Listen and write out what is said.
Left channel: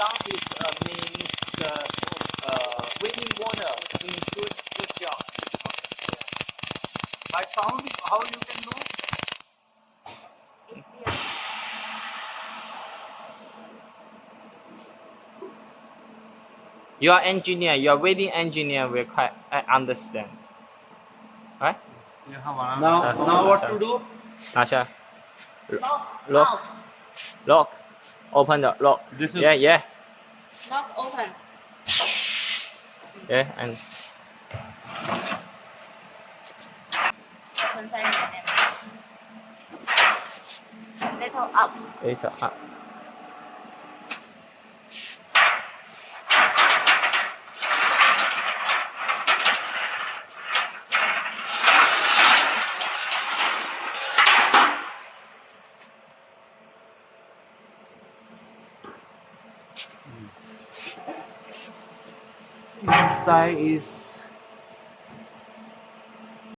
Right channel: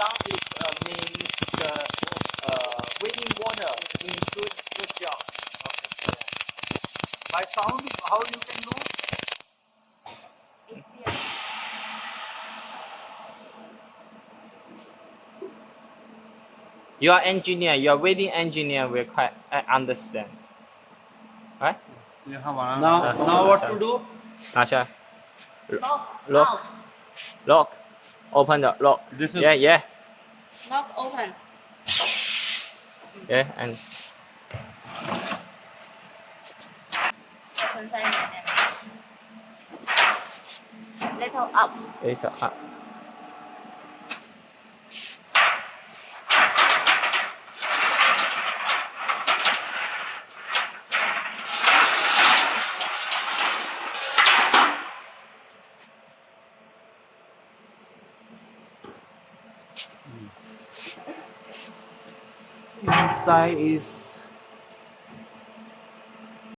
sound is means the waiting water means good job. Okay. By sound, how you can know? You are engineer. You are welding engineer. Will quite understand, right? Now what to do? Nasha, lock, open the lock. This is Yeah. Not open. Yeah, and Little up. later up. Inside is